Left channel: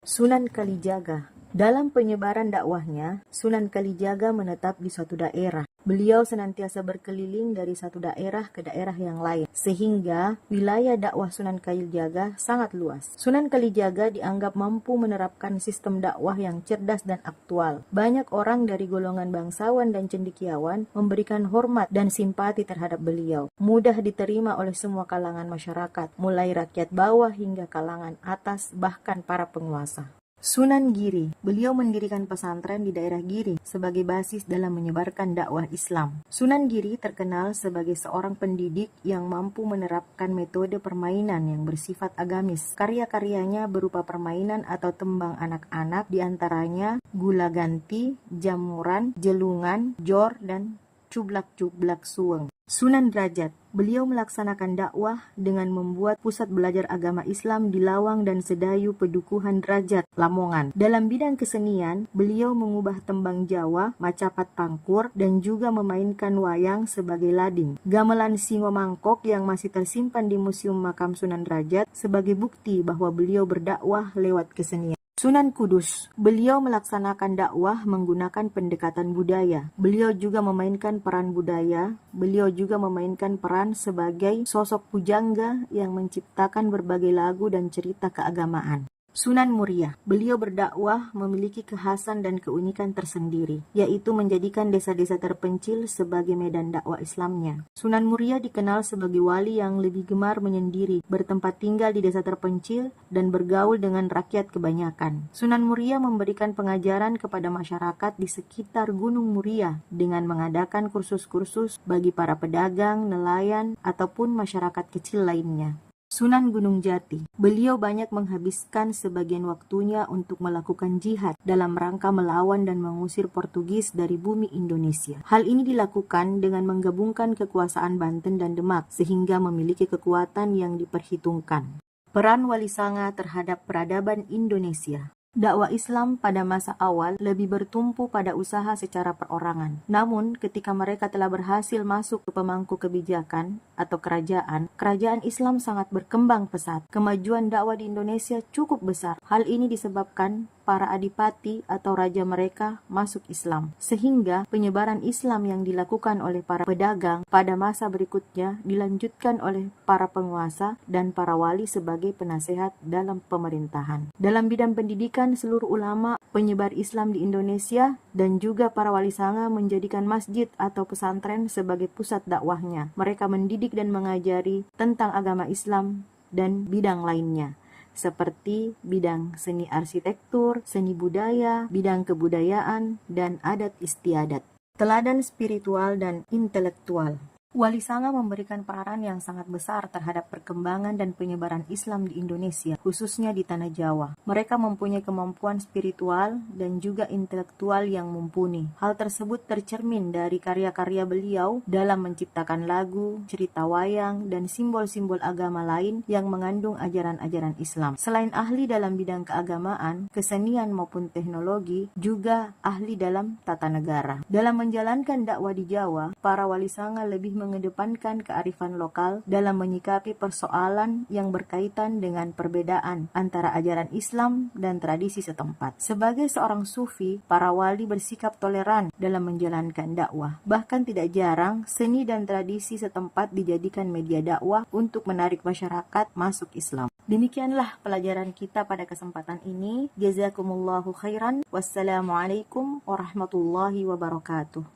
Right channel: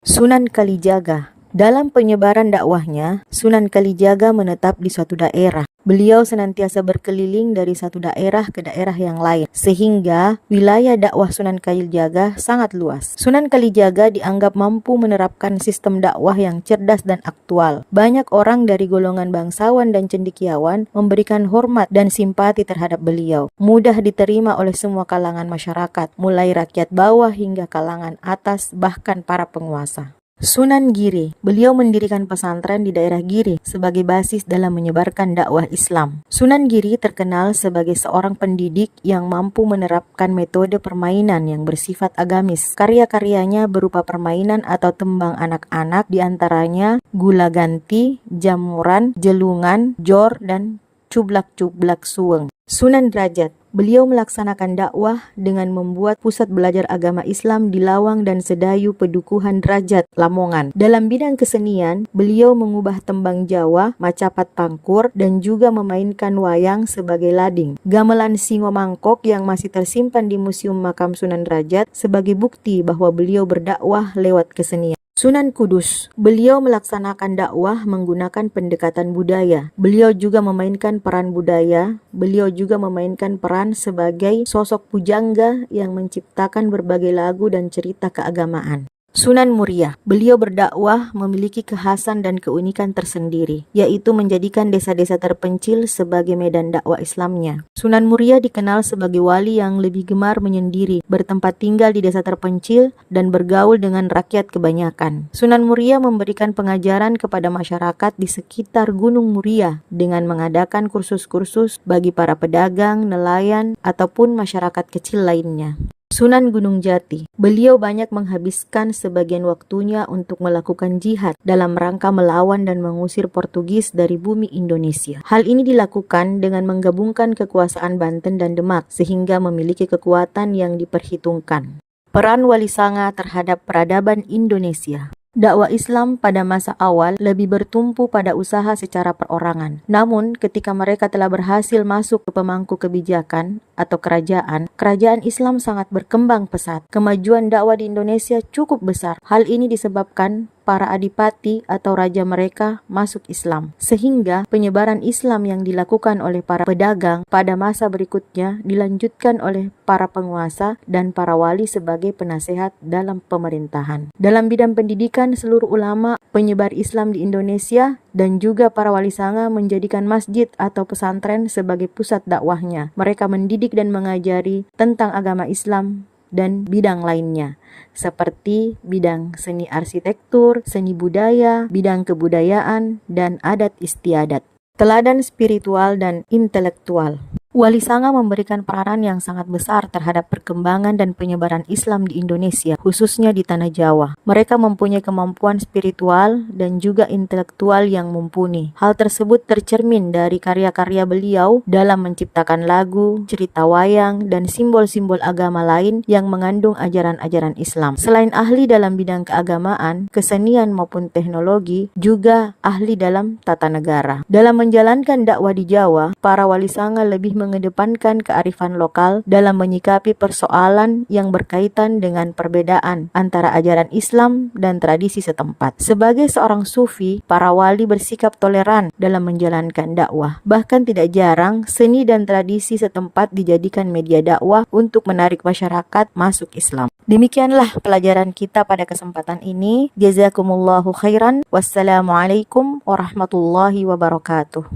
Sunan Kalijaga. Dalam penyebaran dakwahnya, Sunan Kalijaga menetap di suatu daerah. Beliau senantiasa berkeliling dari satu daerah ke daerah yang lain, sehingga wilayah dakwah Sunan Kalijaga sangat luas. Sunan Kalijaga dianggap mampu menerapkan sistem dakwah yang cerdas dan aktual. Banyak orang dari golongan bangsawan dan cendekiawan memberikan hormat dan simpati terhadap beliau. Mudah diterima oleh semua kalangan masyarakat, mulai rakyat bawah hingga kalangan atas, bahkan para penguasa. Sunan Giri, beliau mendirikan pesantren di daerah Giri sebagai basis dalam menyebarkan dakwah Islam. Sunan Giri terkenal sebagai seorang pendidik yang mampu menerapkan metode permainan yang bersifat agamis. Karya-karyanya berupa permainan atau tembang anak-anak, diantaranya Gula Ganti, Jamuran, Jelungan, Jor, dan Cublak-Cublak Suweng. Sunan Derajat, beliau melaksanakan dakwah dengan membuat pusat belajar agama Islam di Lawang dan Sedayu Pedukuhan Derajat, Lamongan. Dalam bidang kesenian, beliau mengubah tembang Jawa, macapat pangkur, dan juga memainkan wayang sebagai lading. Gamelan Singo Mangkok yang masih tersimpan di Museum Makam Sunan Derajat sebagai bukti bahwa beliau berdakwah lewat kesenian. Sunan Kudus, beliau melaksanakan dakwah menggunakan pendekatan budaya. Beliau juga memainkan peran budaya. Beliau juga memainkan peran sebagai sosok pujangga yang menciptakan berbagai lagu dan cerita keagamaan. Sunan Muria, beliau berdakwah memiliki kekhasan dan keunikan tersendiri, yaitu menjadikan desa-desa terpencil sebagai medan dakwah Islamnya. Sunan Muria dikenal sebagai wali yang lebih gemar menyendiri, bertempat tinggal di desa terpencil, dan bergaul dengan rakyat kebanyakan. Sunan Muria memberikan pengajaran kepada masyarakat di sekitar Gunung Muria dengan mengadakan kursus-kursus bagi para pedagang, nelayan, ataupun masyarakat kecil lainnya. Sunan Gunung Jati, beliau banyak menghabiskan sebagian waktunya untuk melakukan jihad dalam rangka melawan dan mengusir Portugis dari bumi Indonesia. Hal ini dilakukan dengan menggabungkan kekuasaan Banten dan Demak sehingga memiliki kekuatan yang diperhitungkan. Peran Wali Sanga terhadap peradaban Indonesia. Dakwah Islam pada masa awal lebih bertumpu pada usaha secara perorangan. Namun, ketika mereka telah berhasil masuk ke pemangku kebijakan atau kerajaan Islam sangat berkembang pesat. Kemajuan dakwah di Indonesia cukup besar. Hal ini disebabkan para adipati atau raja mereka masuk Islam, sehingga penyebaran Islam yang dilakukan oleh para pedagang pada masa berikutnya dilanjutkan oleh para penguasa dan para wali sebagai penasehat dalam pemerintahan. Dalam bidang pendidikan, seluruh ulama penyebar Islam di Indonesia dan juga para wali sanga menjadikan masjid atau pesantren sebagai pusat dakwahnya. Mereka mendidik dan mengajari tentang agama Islam dan bidang lainnya, seperti bidang seni arsitektur, seni budaya, bidang kebudayaan, dan adat istiadat. Teladan spiritual dan intelektual. Wali Sanga memberikan peranan yang sangat besar terhadap perkembangan dan penyebaran Islam di Indonesia, khususnya di Tanah Jawa. Mereka mempunyai kemampuan spiritual dan juga intelektual yang mumpuni. Hal tersebut tercermin dari karya-karya beliau dalam menciptakan lagu, cerita wayang, dan simbol-simbol agama lain yang mengandung ajaran-ajaran Islam. Selain ahli dalam bidang keagamaan, kesenian maupun teknologi, juga ahli dalam tata negara. Dalam menjalankan dakwah di Jawa, para Wali Sanga lebih mengedepankan kearifan lokal dalam menyikapi persoalan yang berkaitan dengan perbedaan antara ajaran Islam dan tradisi setempat. Sebagai seorang sufi, para wali bersikap toleran dalam menjalankan dakwah. Bahkan tidak jarang, seni dan tradisi setempat dijadikan media dakwah untuk menarik masyarakat masuk Islam. Demikianlah pelajaran kita pada kesempatan ini. Jazakumullahu khairan. Wassalamualaikum warahmatullahi wabarakatuh.